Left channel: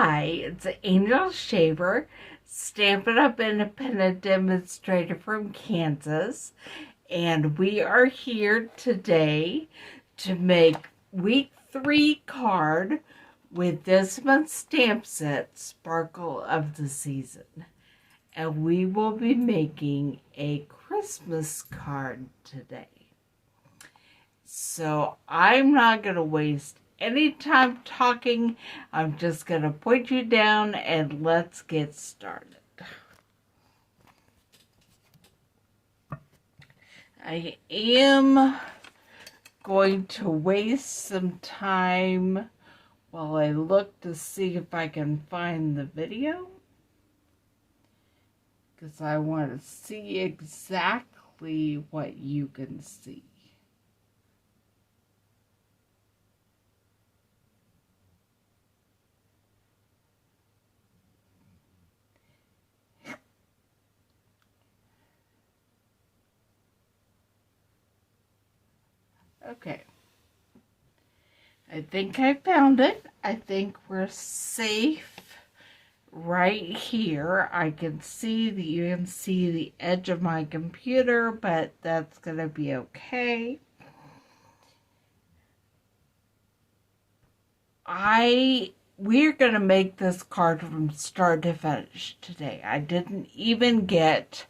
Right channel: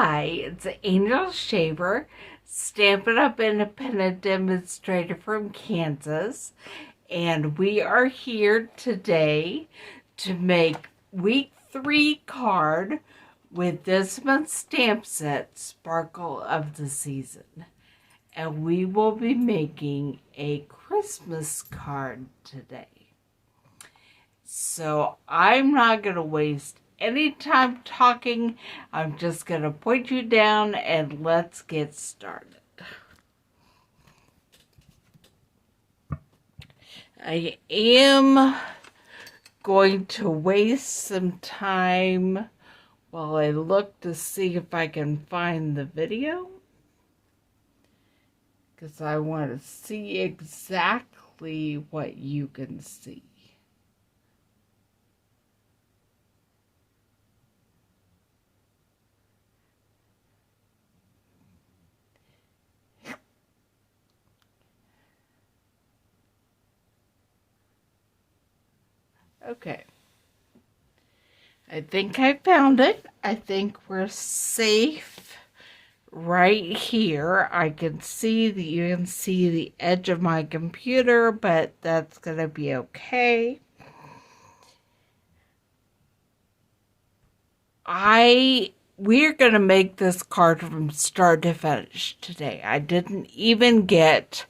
Hi, it's Angel Shaver, Stampin' Up independent demonstrator from Kansas, and we are here today to make week 3 card with this month's stamp set, Sparkle of the Season. And we will be making a Christmas card today. So I'm not going to waste any time talking. I'm just going to point you down and let's get started. I am going to waste some time while I look to see if I can find the video, because I want to see exactly what you can see. Okay, I think I found it. I think we're safe right here. I can see that you can see the edge of my computer, but that's gonna be okay. We're gonna make this card from start to finish today. I didn't even get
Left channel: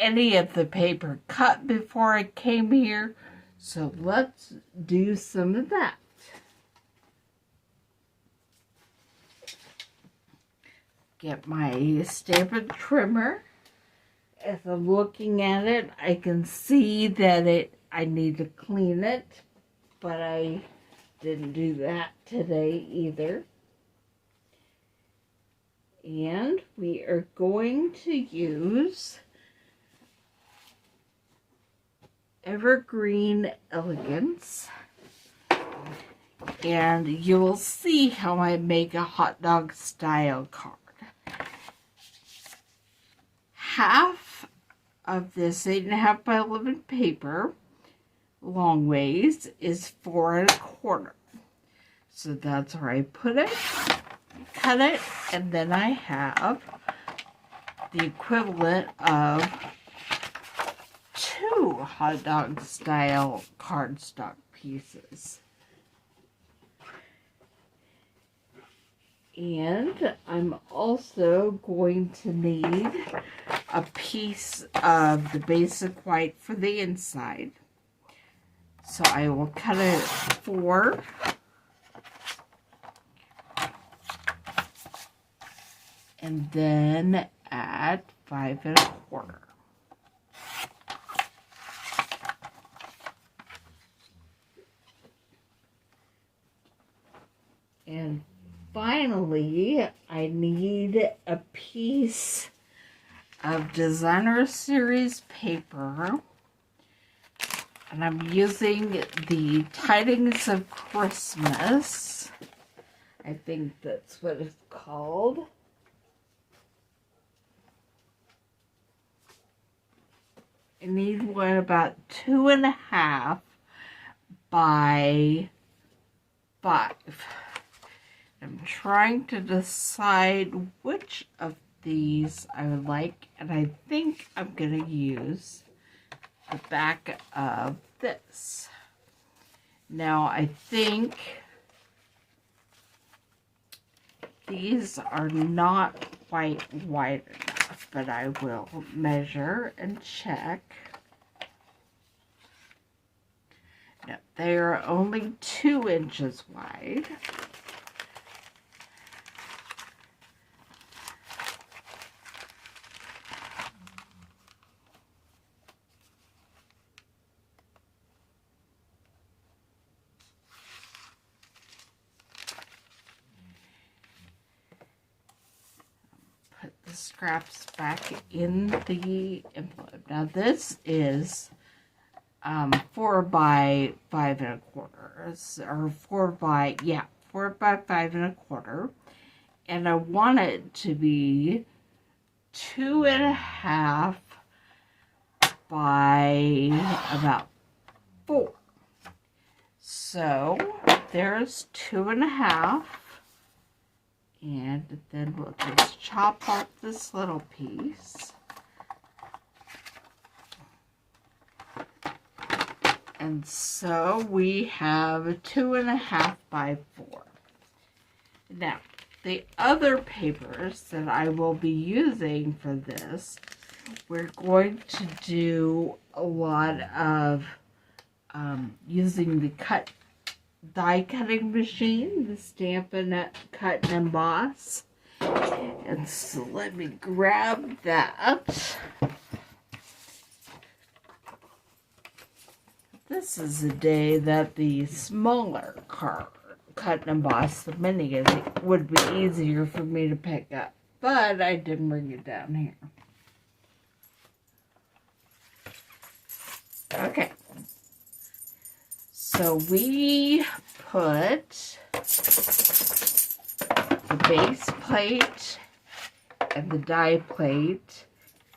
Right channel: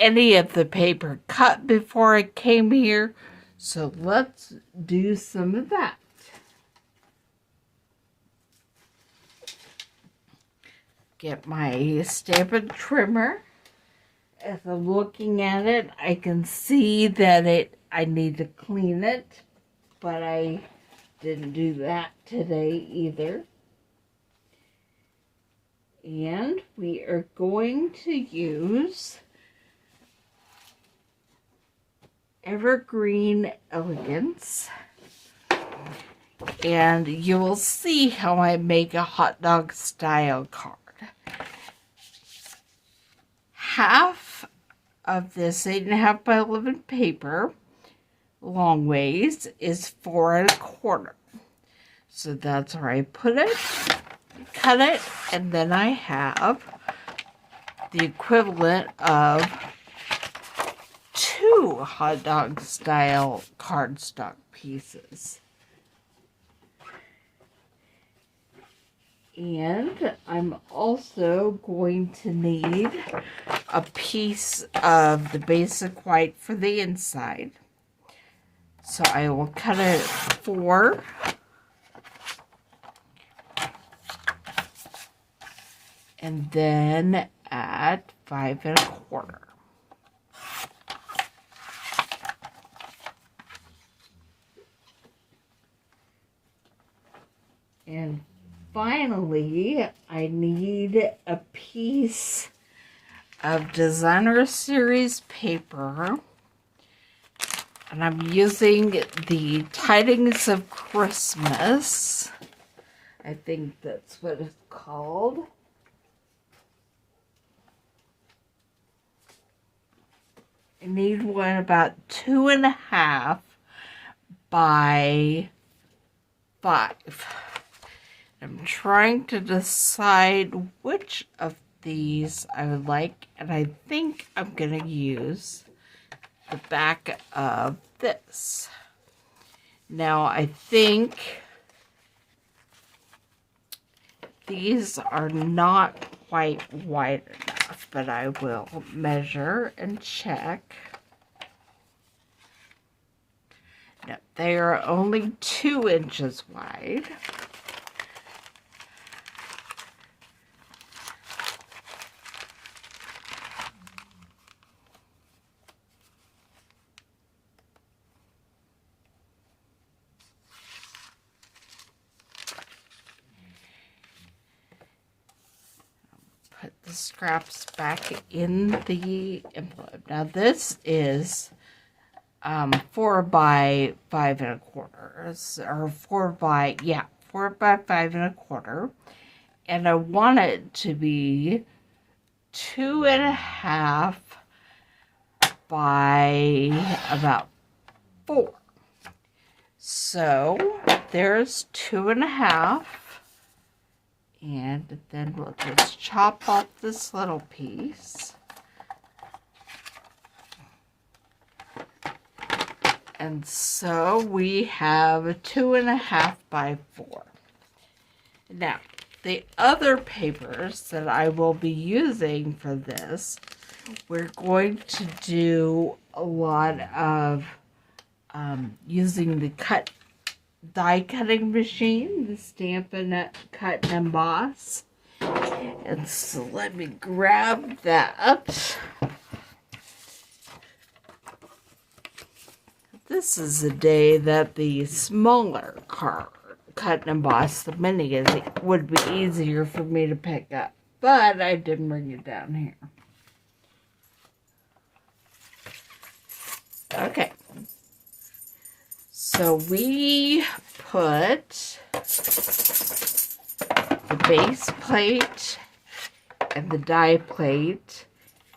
any of the paper cut before I came here. So let's do some of that. Get my Stampin' trimmer. As I'm looking at it, I can see that I need to clean it, but I didn't do that today either. And we are going to use Evergreen Elegance, and you will see how I make a hot dog style card. Half of this 8.5 by 11 paper, long ways, is 4 1/4. So that's where I put it, cut it, and then I have the equivalent of 2 hot dog style cardstock pieces. And I'm also going to need a piece of the basic white for the inside. So I will cut it 4. And then add 5 1/4. And finally, I need a piece of Designer Series paper. And I'm using the Tidings of Christmas. I think that's what it's called. I need one about 2.5 by 5. I'm trying to decide which of these I would like, and I think I'm going to use the back of this. Now, I think these are not quite wide enough, but I will measure and check. No, they are only 2 inches wide. Put the scraps back in the envelope. Now this is 4 by 5 1/4, or 4 by 5 1/4, and I want it to be 2.5 by about 4. So there's 2.5, And then we'll just chop off this little piece. And so we have 2.5 by 4. Now, the other papers that I will be using for this, we're going to do a lot of using the die cutting machine, the Stampin' Up Cut and Emboss. And so let me grab that. This is the day that the smaller cut and emboss, the mini, would be easier for me to pick up. But I didn't bring it down here. Okay. So we put the base plate and the die plate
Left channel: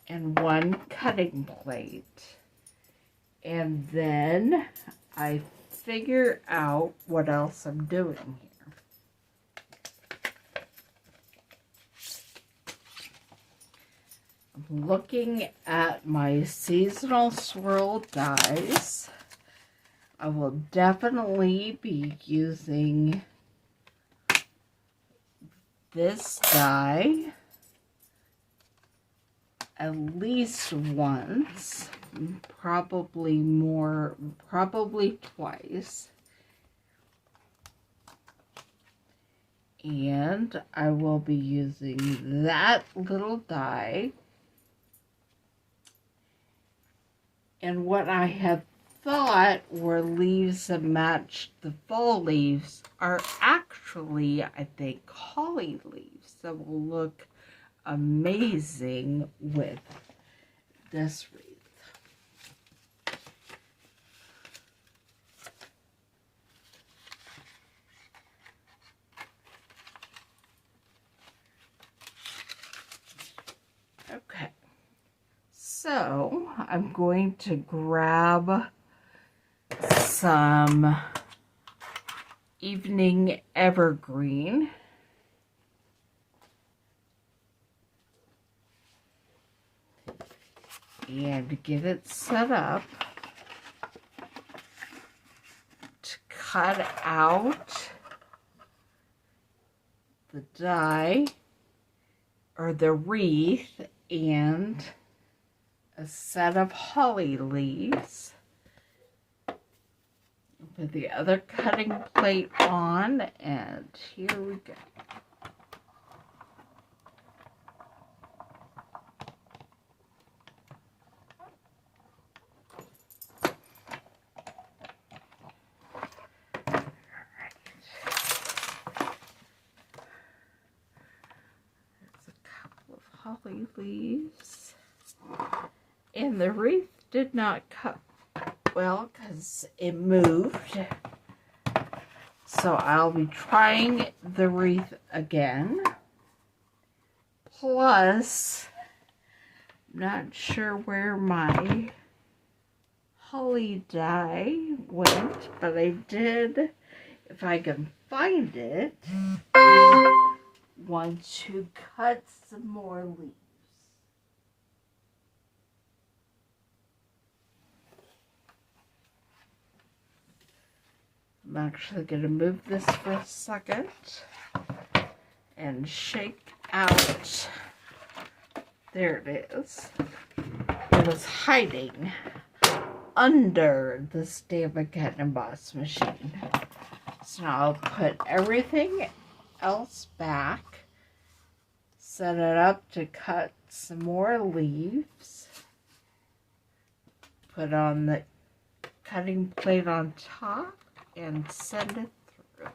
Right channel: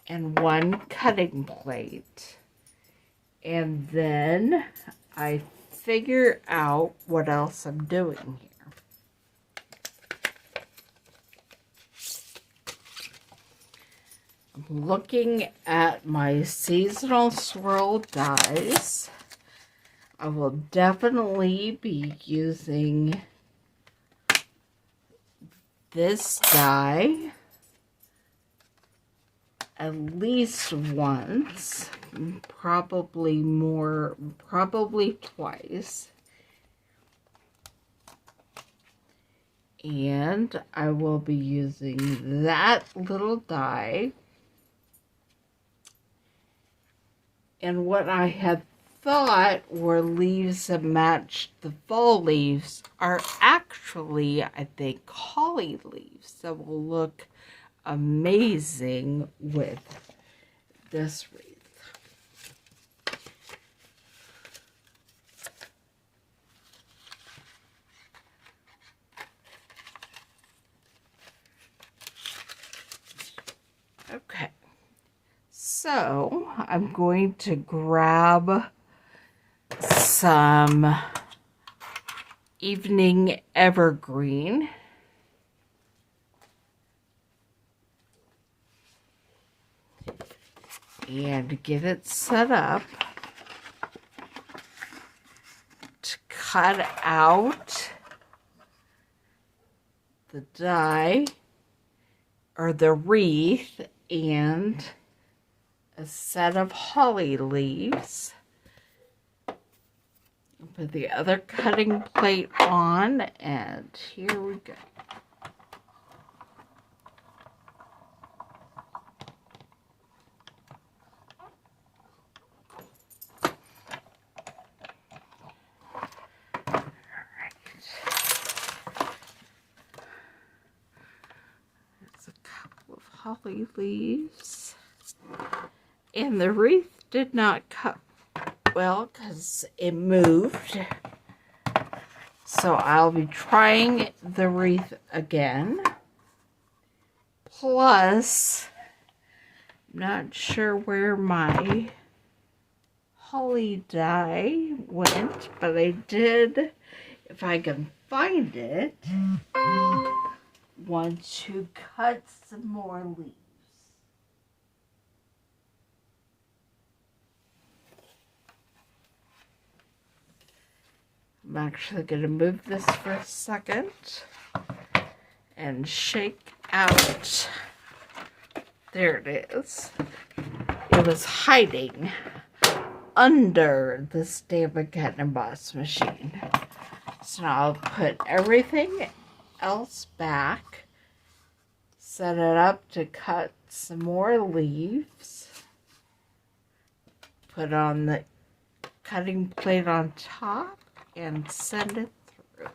and one cutting plate. And then I figure out what else I'm doing here. I'm looking at my seasonal swirl dies. I will definitely be using this die at least once, probably more, probably twice. And I will be using that little die. And what I had thought were leaves that matched the fall leaves are actually, I think, holly leaves that will look amazing with this wreath. Okay, so I'm going to grab some evening evergreen. And get it set up to cut out the die or the wreath and a set of holly leaves. Put the other cutting plate on, and here we go. Holly leaves, and the wreath did not cut well because it moved, so I'll be trying the wreath again. Plus, I'm not sure where my holly die went, but I did, if I can find it, want to cut some more leaves. I'm actually going to move this for a second and shake out. There it is. It was hiding under the Stampin' Up Cut and Emboss machine. So now I'll put everything else back, set it up to cut some more leaves, put on the cutting plate on top, and send it through.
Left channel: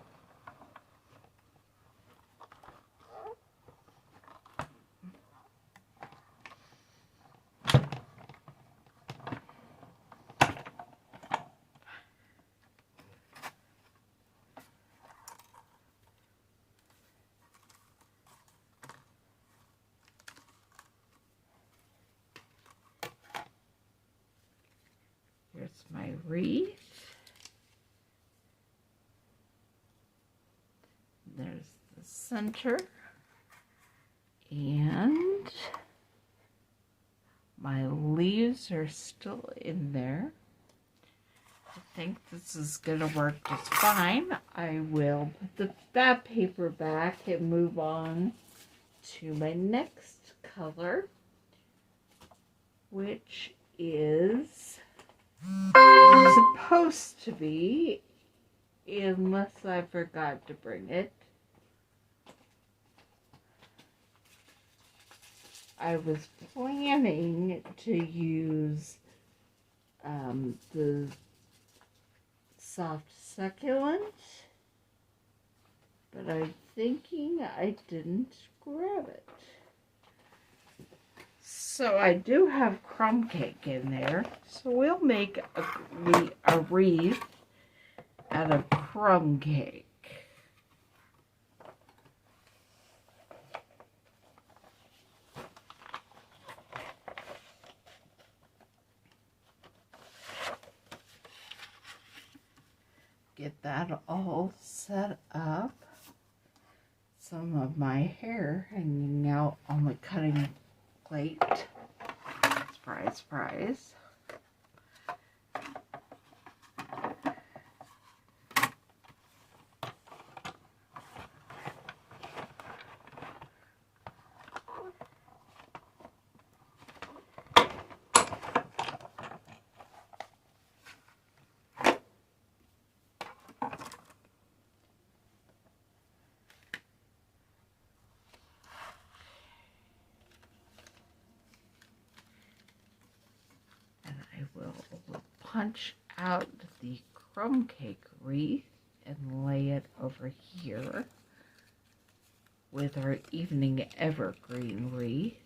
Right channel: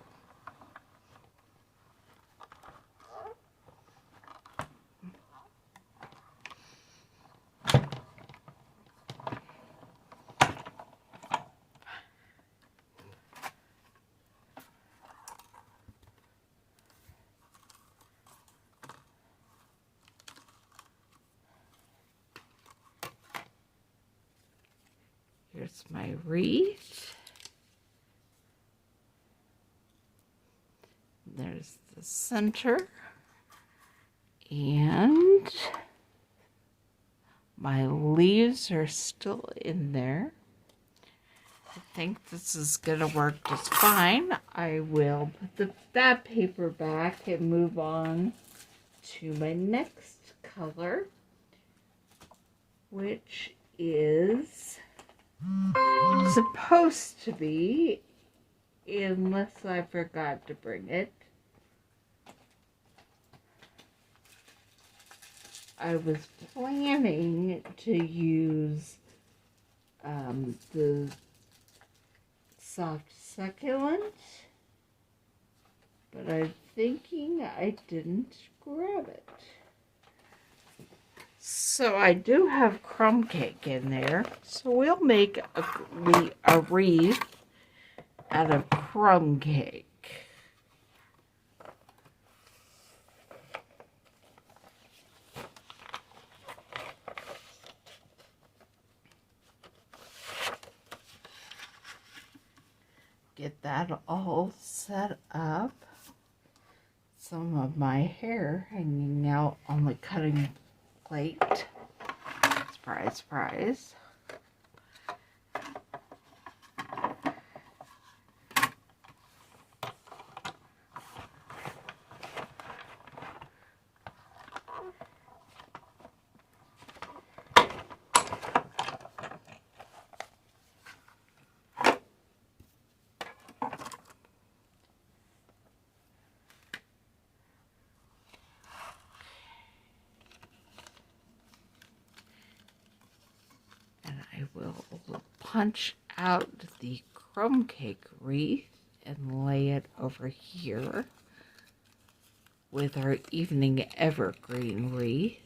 Here's my wreath. There's the center. And my leaves are still in there. I think this is going to work just fine. I will put that paper back and move on to my next color, which is supposed to be, unless I forgot to bring it, I was planning to use the soft succulent, but I'm thinking I didn't grab it. So I do have crumb cake in there, so we'll make a wreath out of crumb cake. Get that all set up. Some of my hair hanging out on the cutting plate. Surprise, surprise. Will punch out the crumb cake wreath and lay it over here with our evening evergreen wreath.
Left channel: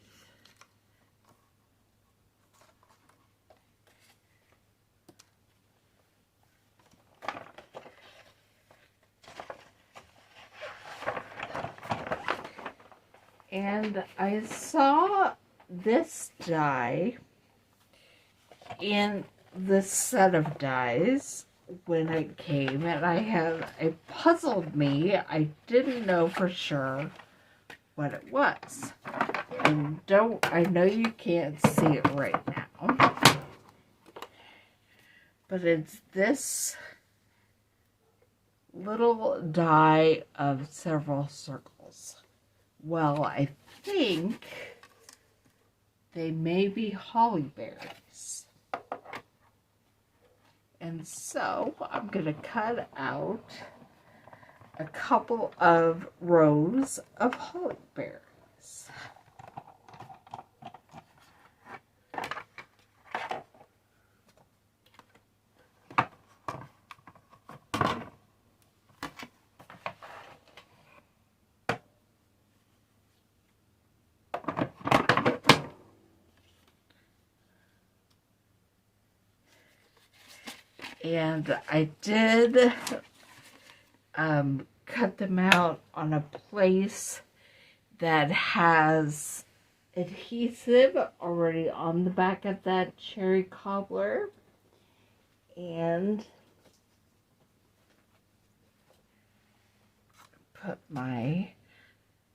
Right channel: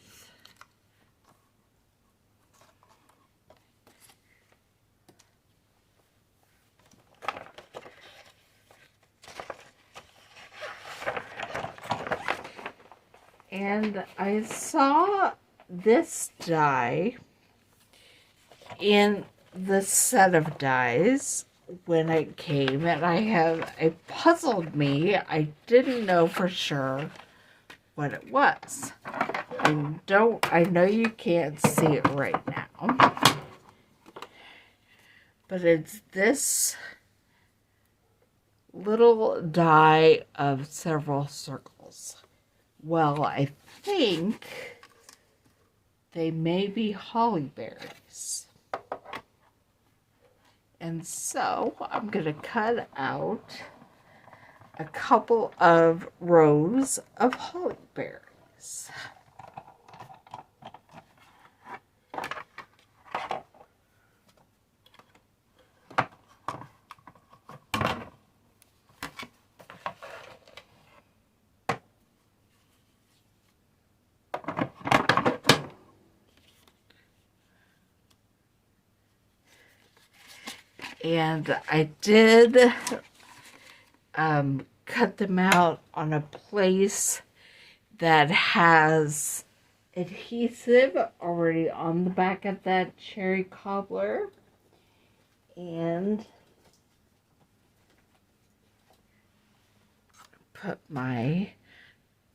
And I saw this die in the set of dies when it came, and it puzzled me. I didn't know for sure what it was. I know you can't see it right now, but it's this little die of several circles. Well, I think they may be holly berries. And so I'm going to cut out a couple of rows of holly berries. And I did cut them out on a place that has adhesive already on the back of that cherry cobbler. And put my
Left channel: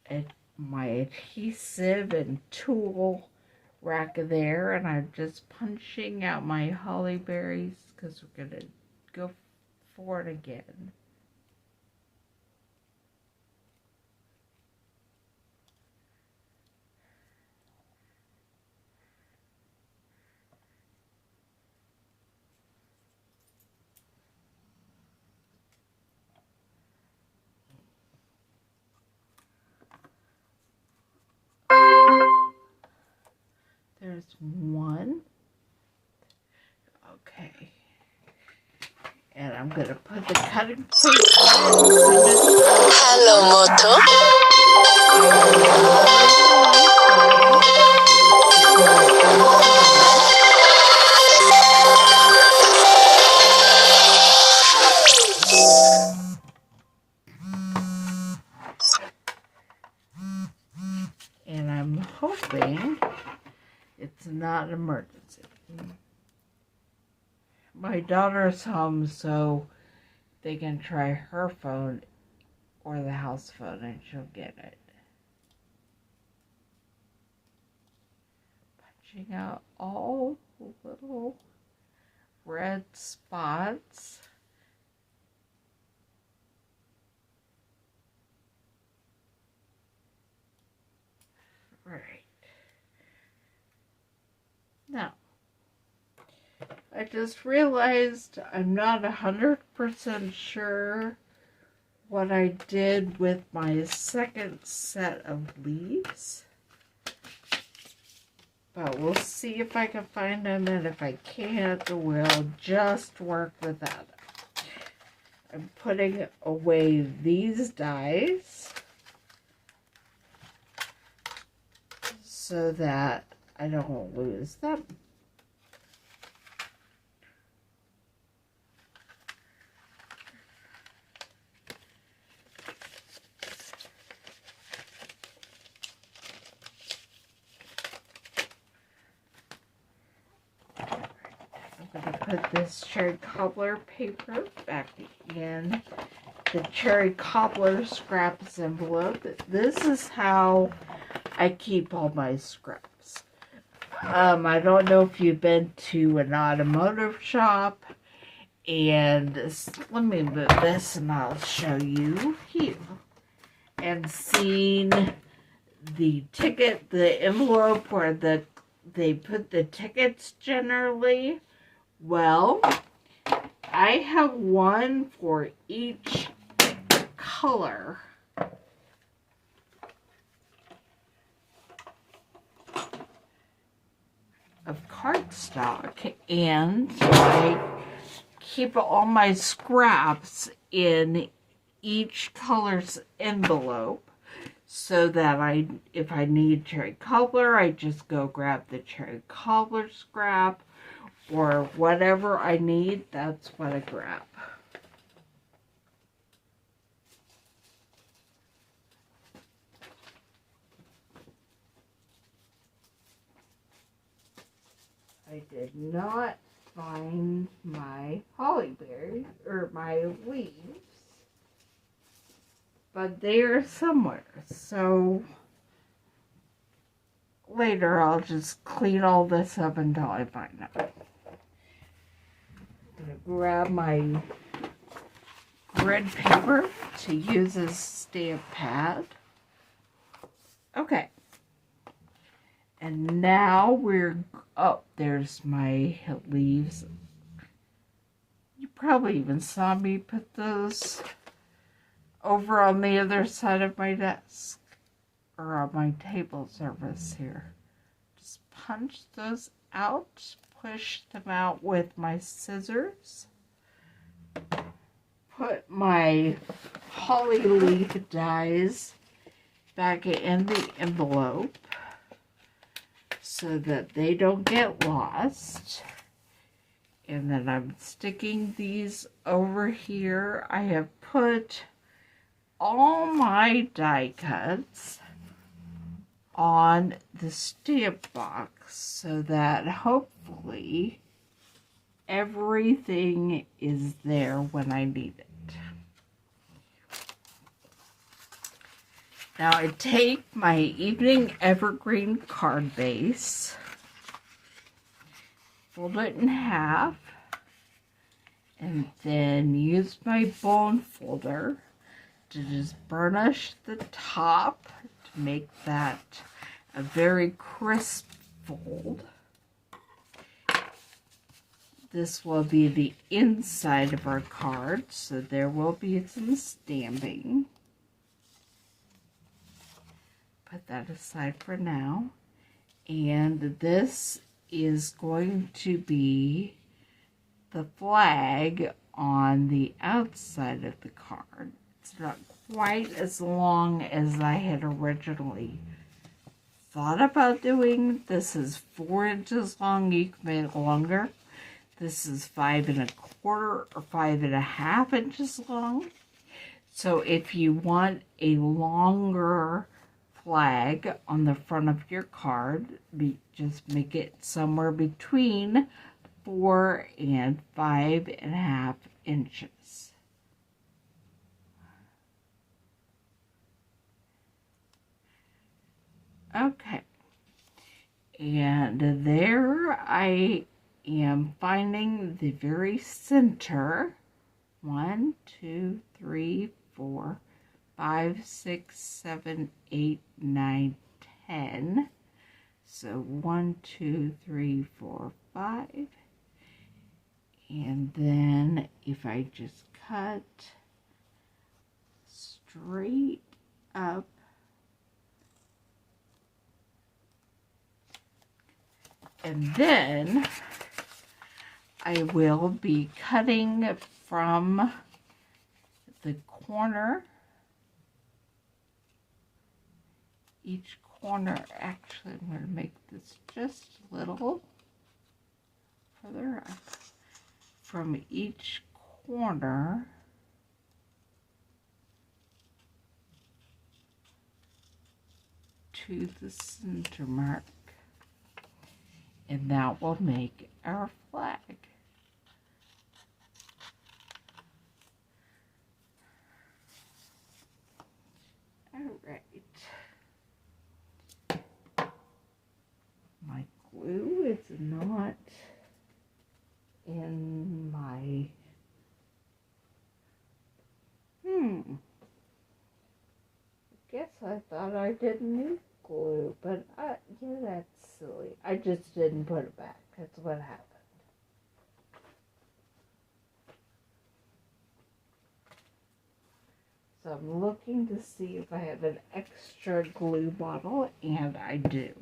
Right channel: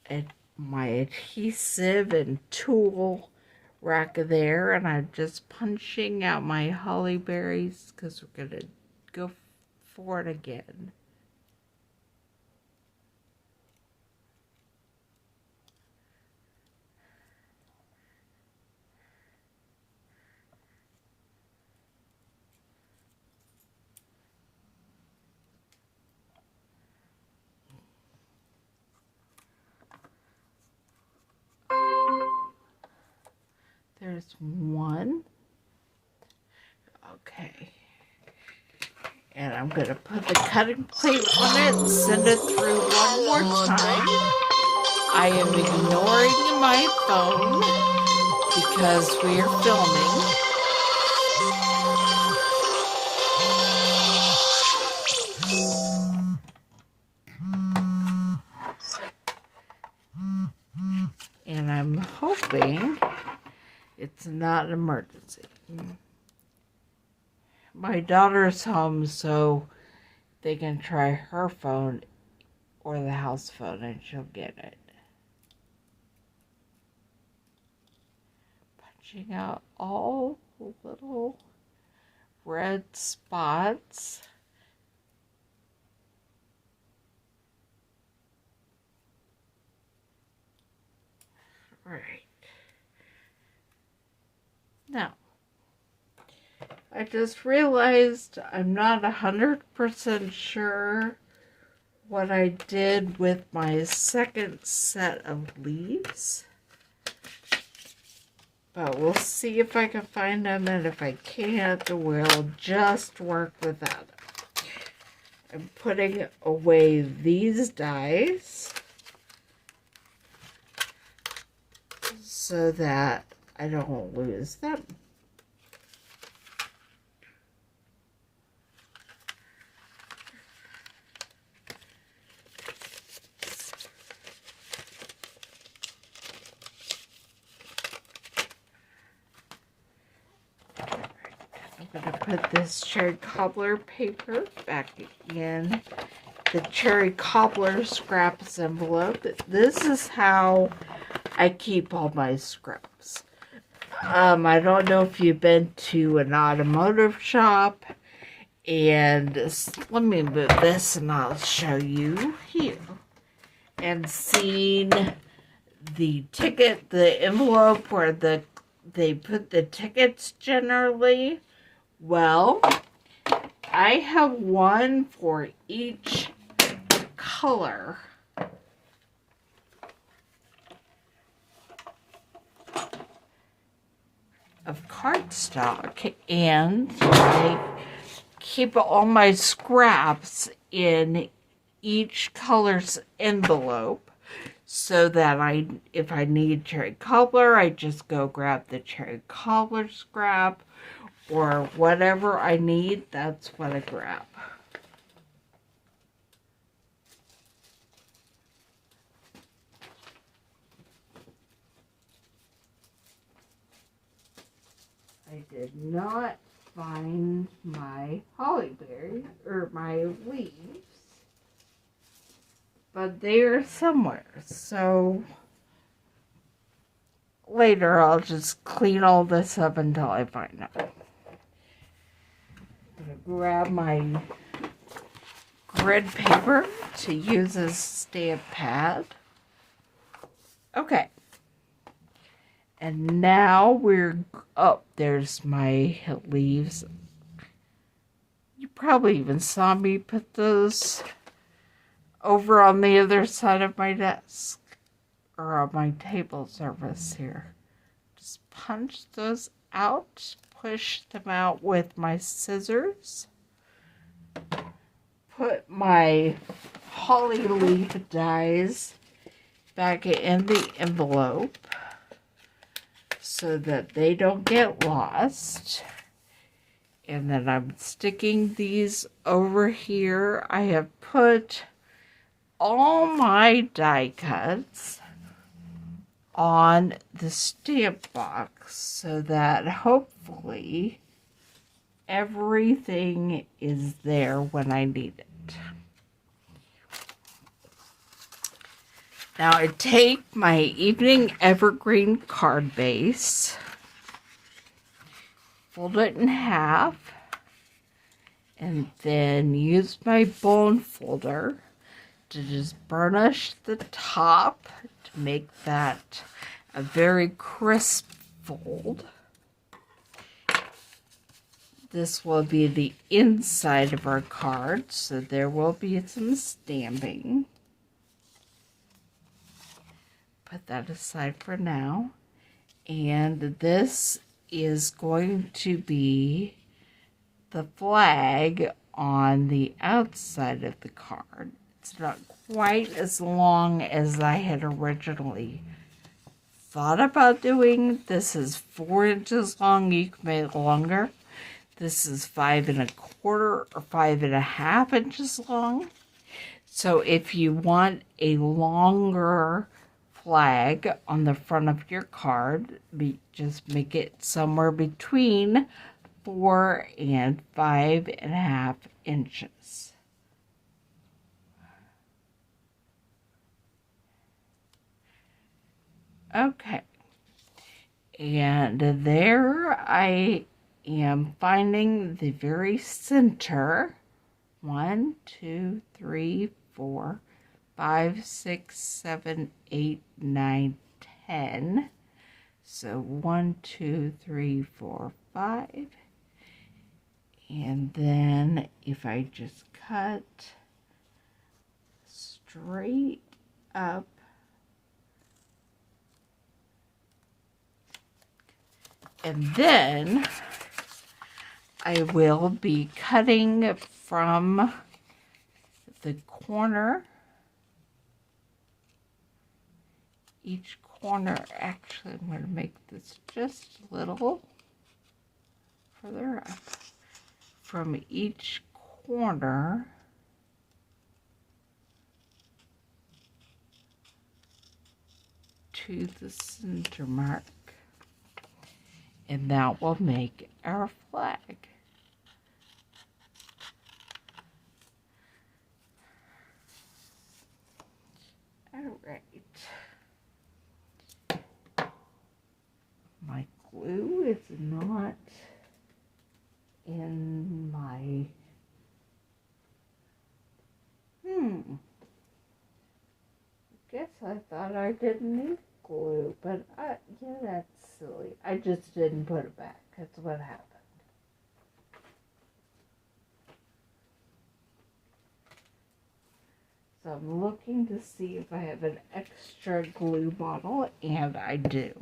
adhesive and tool rack there, and I'm just punching out my holly berries because we're gonna go for it again. There's one. Okay. And I'm going to put the cutting plate on it and send it through. Hello, Moto. I am lowering my phone because we're filming. And I'm hoping it's not an emergency. My daughter's home, so they can try her phone or the house phone and she'll get it. smudging out all the little red spots. Right. Now, I just realized I'm not 100% sure what I did with my second set of leaves. But we'll see if I can find them, and if I can't, we'll just work without it. I'm putting away these dies so that I don't lose them. I'm going to put this cherry cobbler paper back in the cherry cobbler scraps envelope. This is how I keep all my scraps. I don't know if you've been to an automotive shop, and let me move this and I'll show you here. And seen the ticket, the envelope where they put the tickets generally. Well, I have one for each color of cardstock, and I keep all my scraps in each color's envelope so that if I need cherry cobbler, I just go grab the cherry cobbler scrap, or whatever I need, that's what I grab. I did not find my hollyberry or my leaves, but they are somewhere. So later I'll just clean all this up until I find it. I'm going to grab my grid paper to use as stamp pad. Okay. And now oh, there's my leaves. You probably even saw me put those over on the other side of my desk, or on my table surface here. Just punch those out, push them out with my scissors. Put my holly leaf dies back in the envelope so that they don't get lost. And then I'm sticking these over here. I have put all my die cuts on the stamp box so that hopefully everything is there when I need it. Now I take my evening evergreen card base, fold it in half, and then use my bone folder to just burnish the top to make that a very crisp fold. This will be the inside of our card, so there will be some stamping. Put that aside for now. And this is going to be the flag on the outside of the card. It's not quite as long as I had originally thought about doing. This is 4 inches long. You can make it longer. This is 5 1/4 or 5 1/2 inches long. So if you want a longer flag on the front of your card, just make it somewhere between 4 and 5 1/2 inches. Okay, And there I am finding the very center. 1, 2, 3, 4, 5, 6, 7, 8, 9, 10. So 1, 2, 3, 4, 5. And then if I just cut straight up, and then I will be cutting from the corner, each corner. Actually, I'm going to make this just a little further up. From each corner to the center mark, and that will make our flag. All right. My glue is not in my, I guess I thought I didn't need glue, but yeah, that's silly. I just didn't put it back. That's what happened. So I'm looking to see if I have an extra glue bottle, and I do.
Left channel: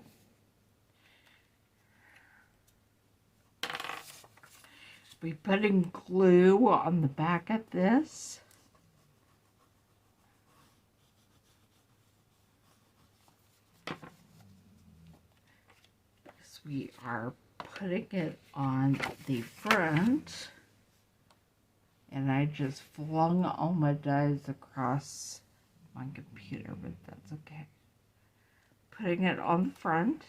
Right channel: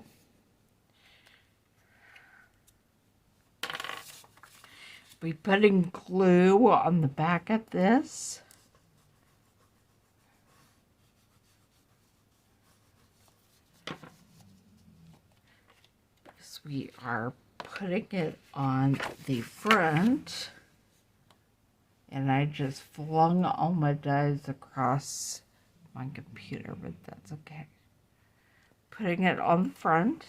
Be putting glue on the back of this. Because we are putting it on the front. And I just flung all my dies across my computer, but that's okay. Putting it on the front.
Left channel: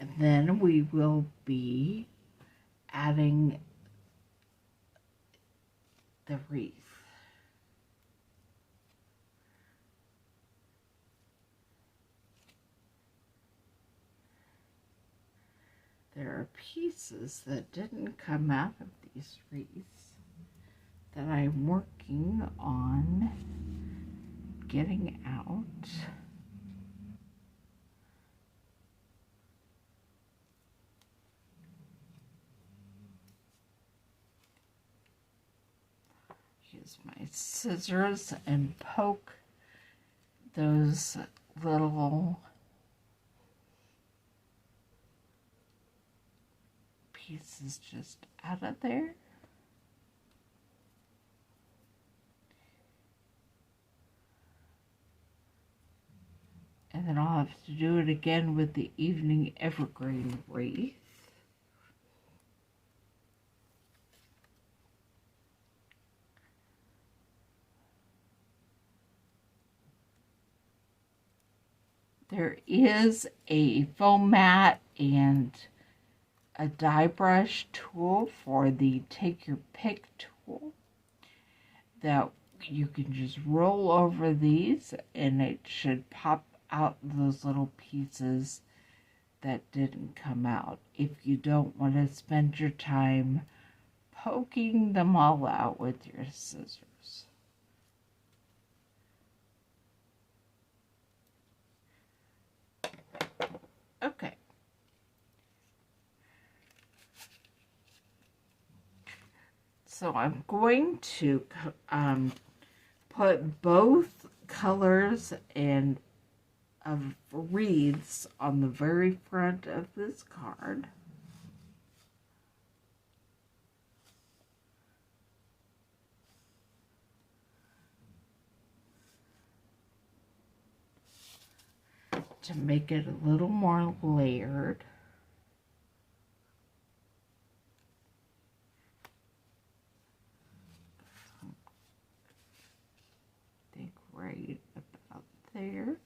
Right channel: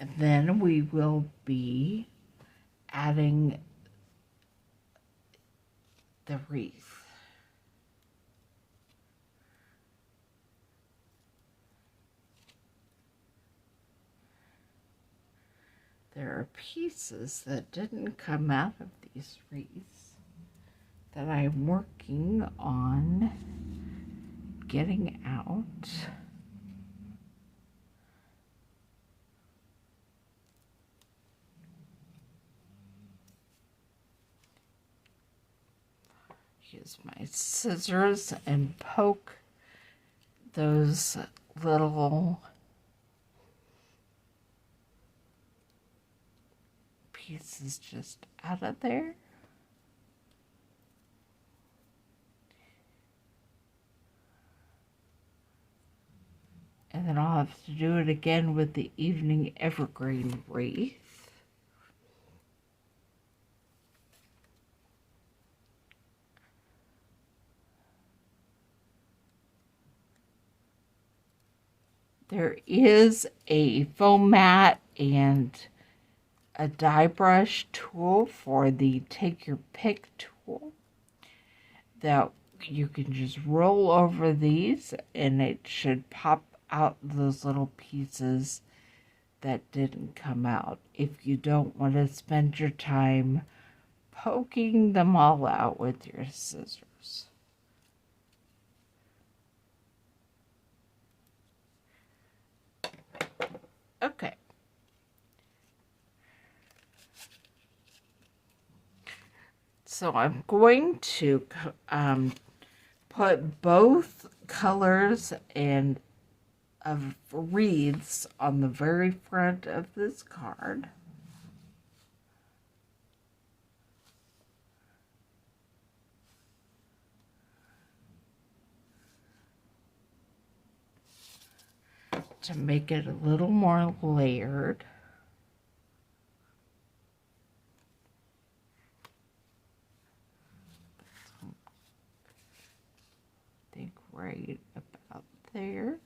And then we will be adding the wreath. There are pieces that didn't come out of these wreaths that I'm working on getting out. Use my scissors and poke those little pieces just out of there. And then I'll have to do it again with the evening evergreen wreath. There is a foam mat and a die brush tool for the take your pick tool that you can just roll over these and it should pop out those little pieces that didn't come out if you don't want to spend your time poking them all out with your scissors. Okay. So I'm going to put both colors and of wreaths on the very front of this card. To make it a little more layered. I think right about there.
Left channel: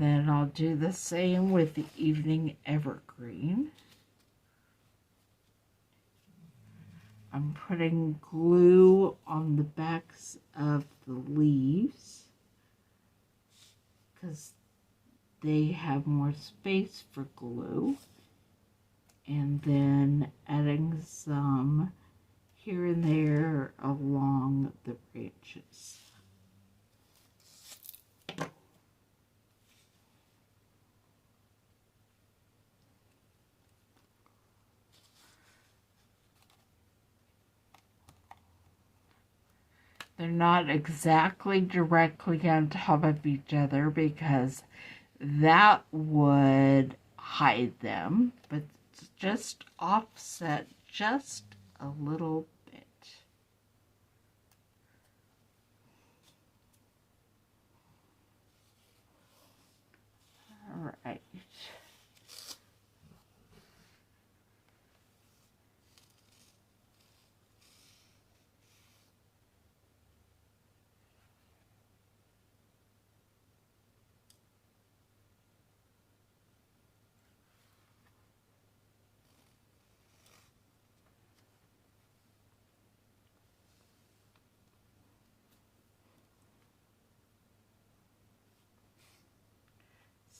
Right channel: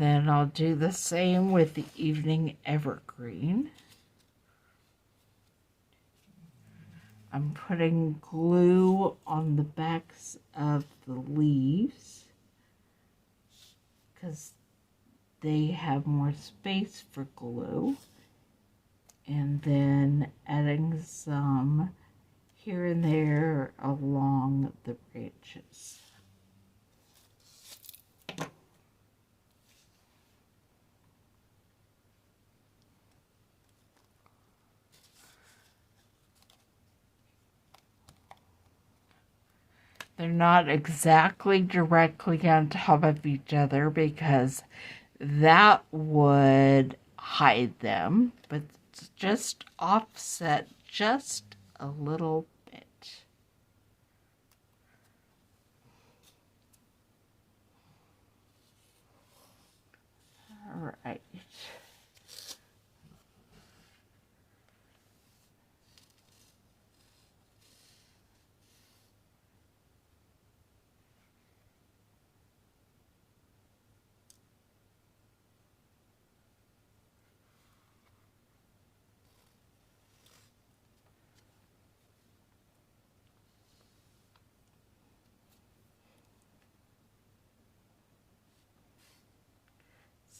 then I'll do the same with the evening evergreen. I'm putting glue on the backs of the leaves because they have more space for glue. And then adding some here and there along the branches. They're not exactly directly on top of each other because that would hide them, but just offset just a little bit. All right.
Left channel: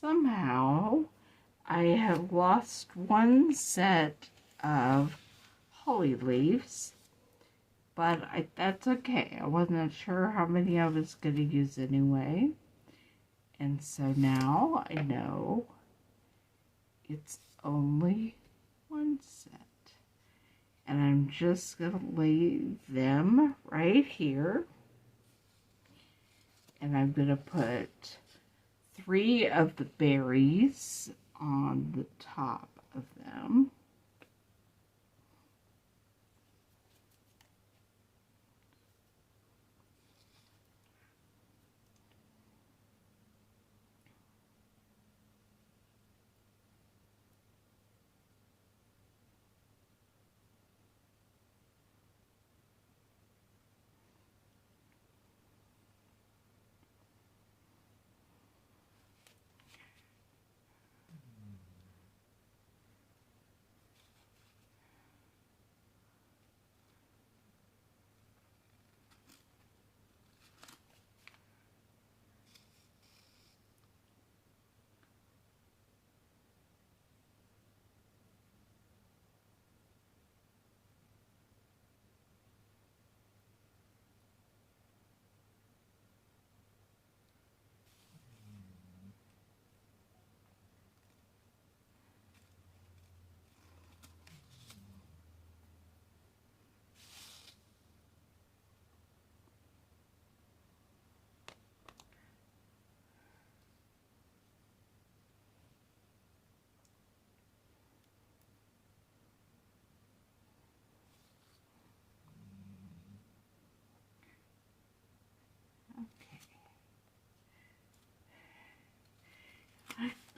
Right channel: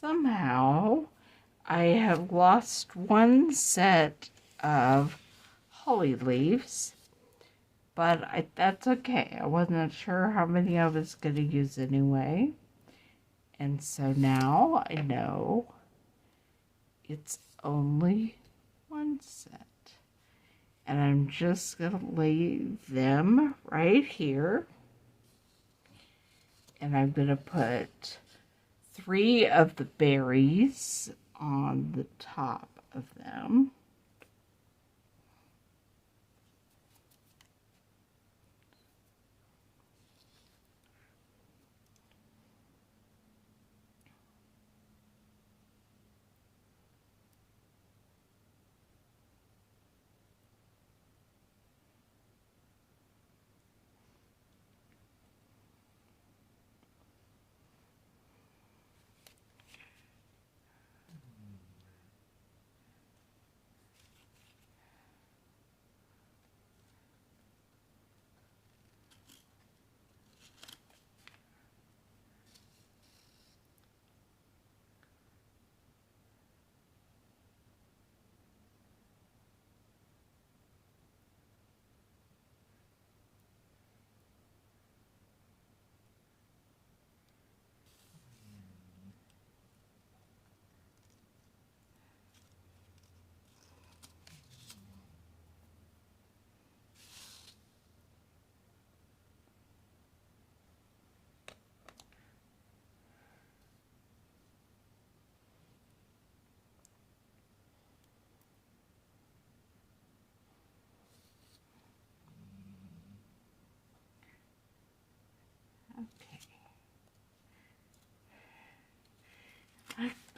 Somehow, I have lost one set of holly leaves, but that's okay. I wasn't sure how many I was going to use anyway. And so now I know it's only one set. And I'm just going to lay them right here. And I'm going to put 3 of the berries on the top of them.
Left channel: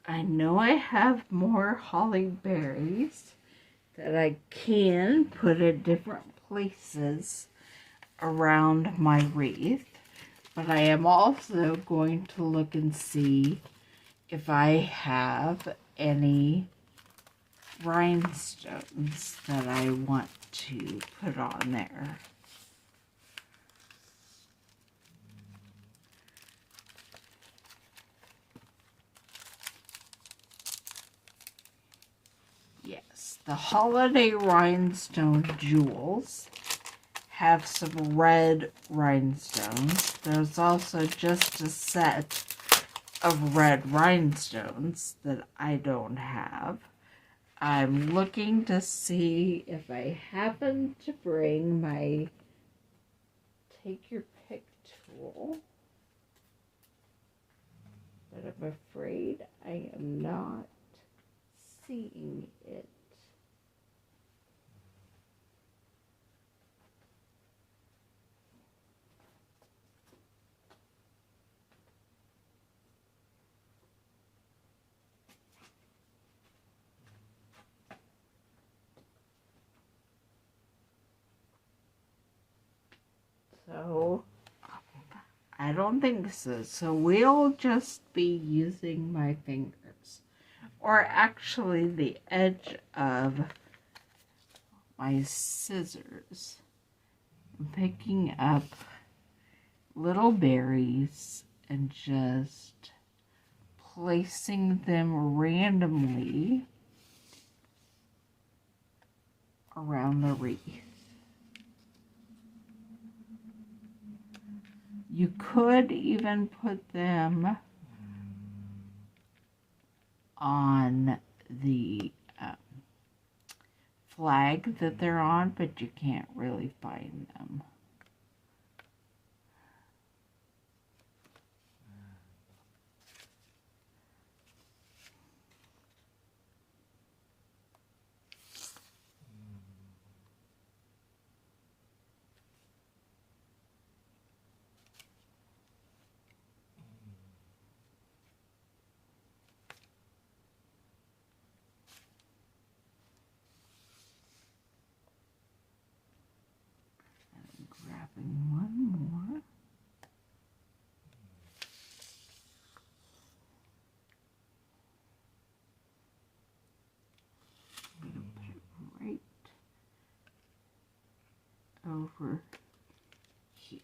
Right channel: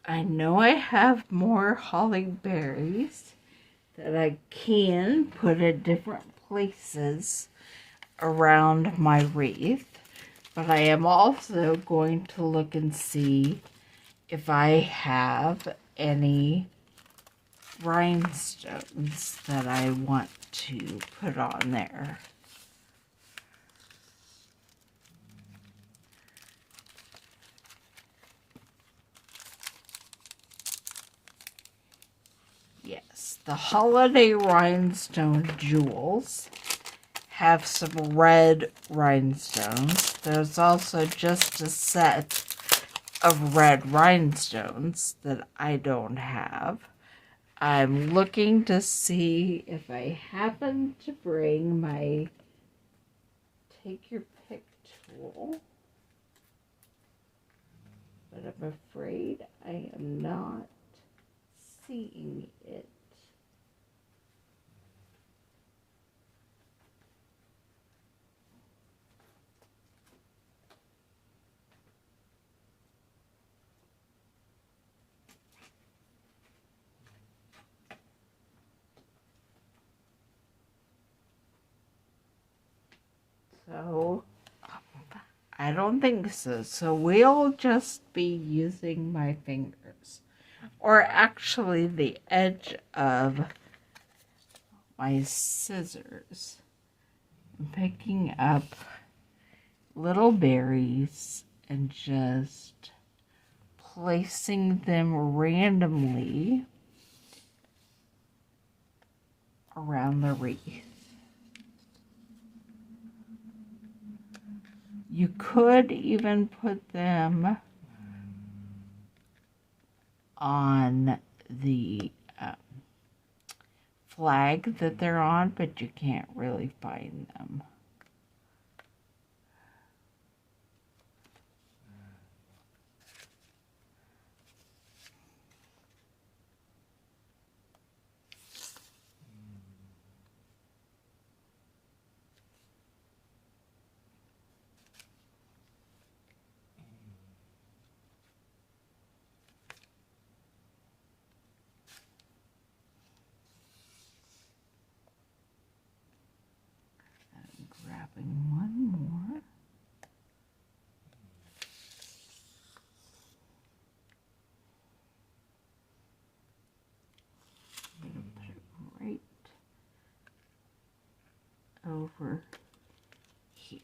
I know I have more holly berries that I can put at different places around my wreath, but I am also going to look and see if I have any rhinestones that I want to put on there. Yes, the holiday rhinestone jewels have some red rhinestones. There's also just a set of red rhinestones that I don't have. I'm looking to see if I happen to bring my take your pick tool, but I'm afraid I am not seeing it. So I don't think so. So we'll just be using my fingers. Or actually the edge of my scissors. I'm picking up little berries and just placing them randomly around the wreath. You could even put them on the flag that they're on, but you can't really find them. Grabbing one more. Put it right over here.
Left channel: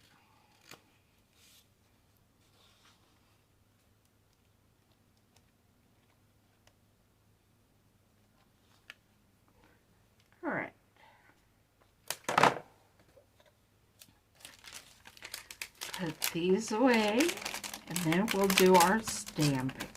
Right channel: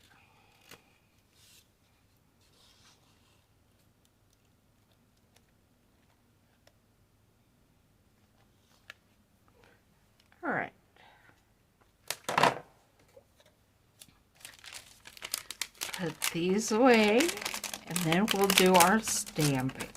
All right. Put these away, and then we'll do our stamping.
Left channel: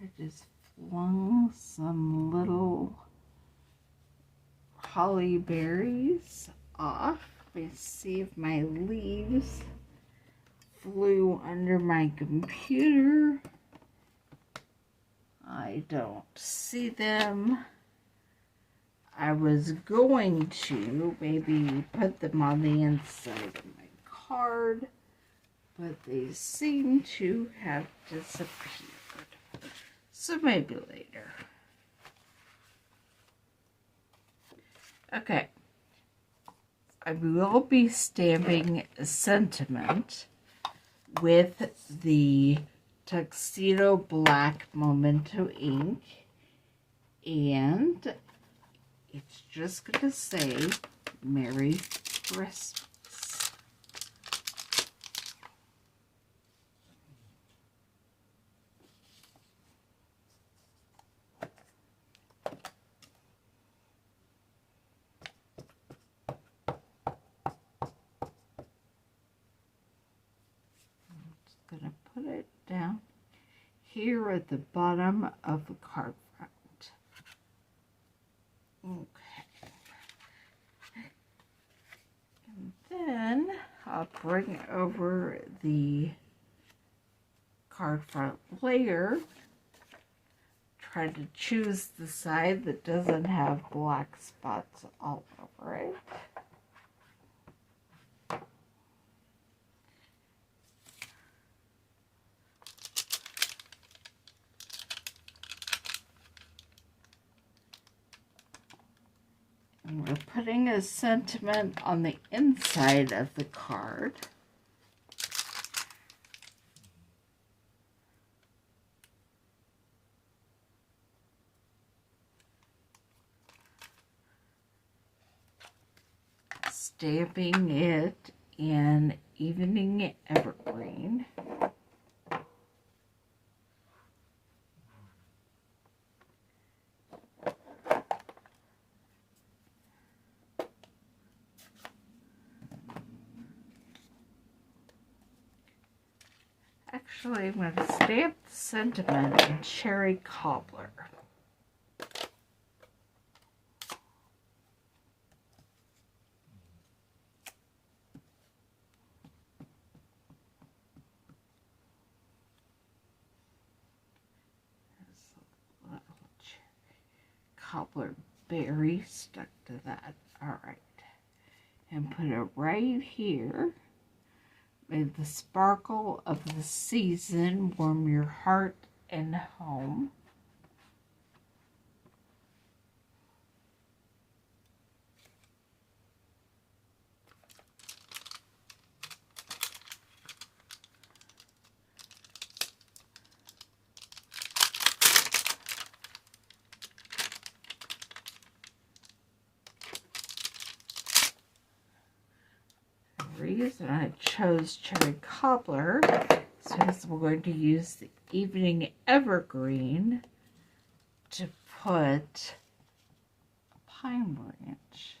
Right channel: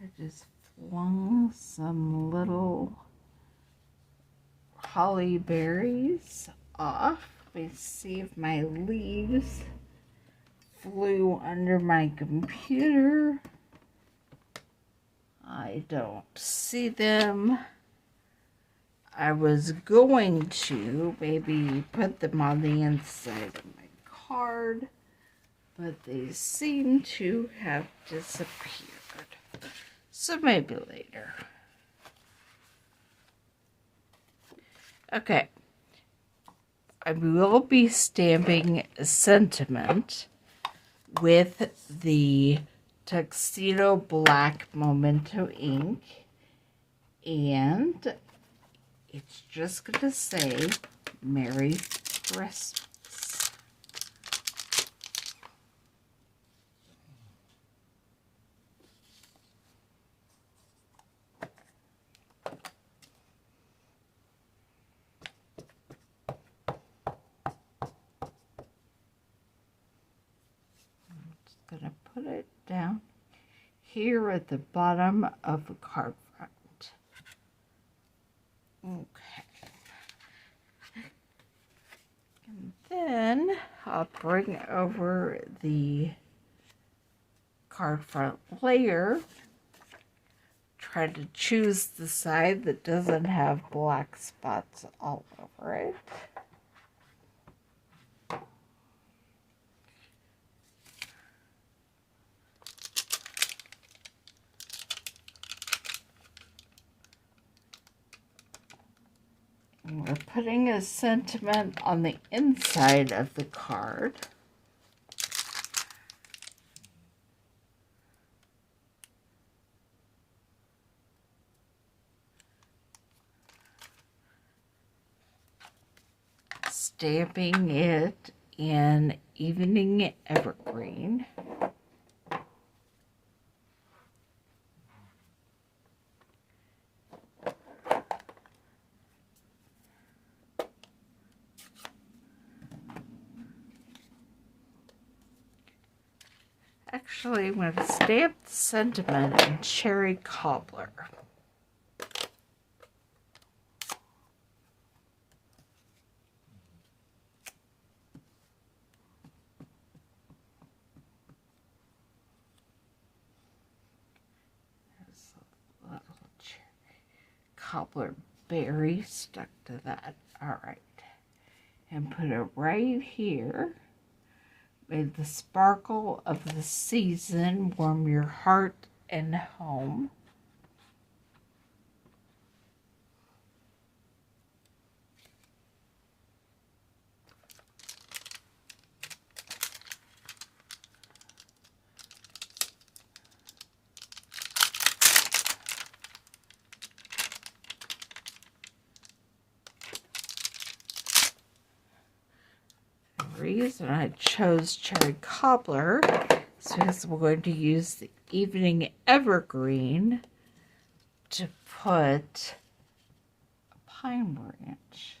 I just flung some little holly berries off. Let me see if my leaves flew under my computer. I don't see them. I was going to maybe put them on the inside of my card, but they seem to have disappeared. So maybe later. Okay. I will be stamping a sentiment with the Tuxedo Black Memento ink, and it's just going to say Merry Christmas. I'm going to put it down here at the bottom of the card front. Okay. And then I'll bring over the card front layer. Try to choose the side that doesn't have black spots all over it. And we're putting a sentiment on the inside of the card. Stamping it in Evening Evergreen. Actually, I'm going to stamp the sentiment in Cherry Cobbler. There's a little cherry. cobbler berry stuck to that. All right. And put it right here. May the sparkle of the season warm your heart and home. The reason I chose cherry cobbler is because we're going to use the evening evergreen to put a pine branch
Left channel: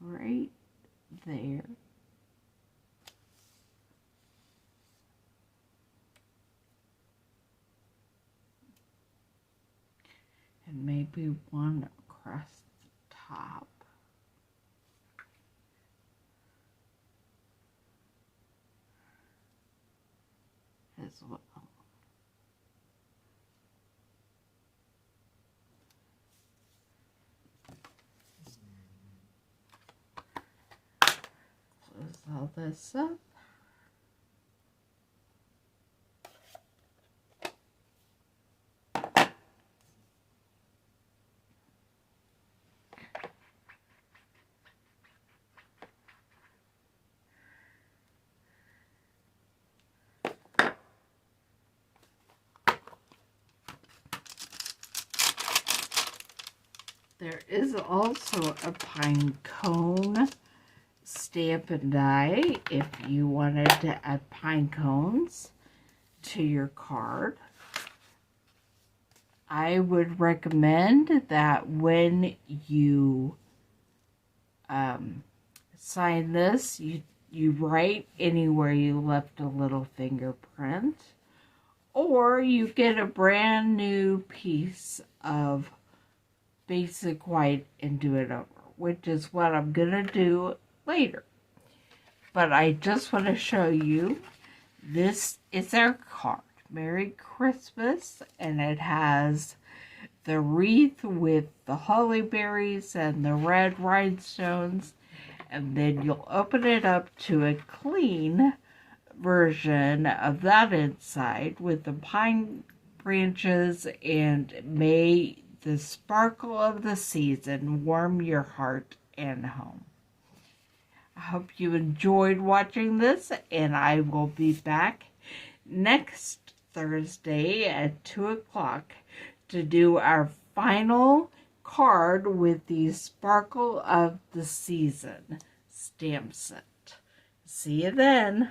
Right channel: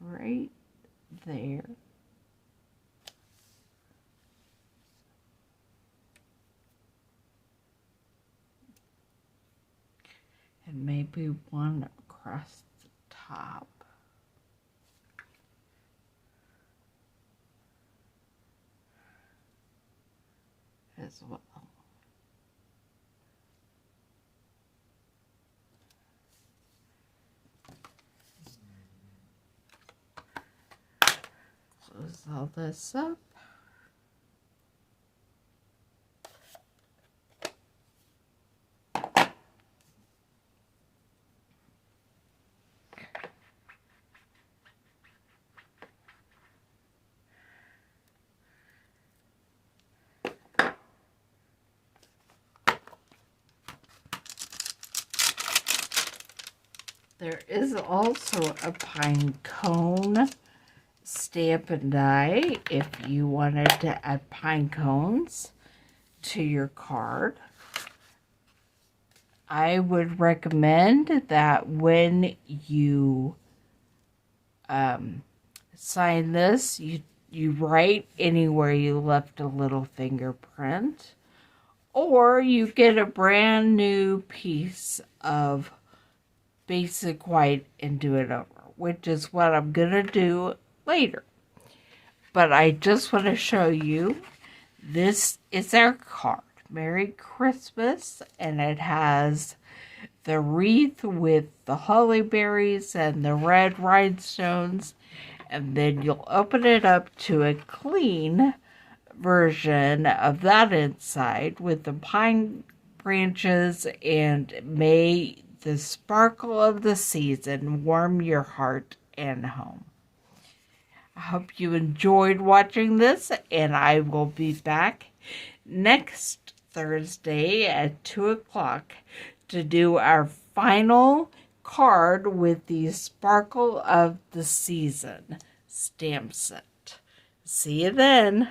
right there. And maybe one across the top. As well. Close all this up. There is also a pine cone stamp and die if you wanted to add pine cones to your card. I would recommend that when you sign this, you write anywhere you left a little fingerprint, or you get a brand new piece of basic white and do it over, which is what I'm gonna do later. But I just want to show you, this is our card. Merry Christmas, and it has the wreath with the holly berries and the red rhinestones, and then you'll open it up to a clean version of that inside with the pine branches and may the sparkle of the season warm your heart and home. I hope you enjoyed watching this, and I will be back next Thursday at 2 o'clock to do our final card with the Sparkle of the Season stamp set. See you then.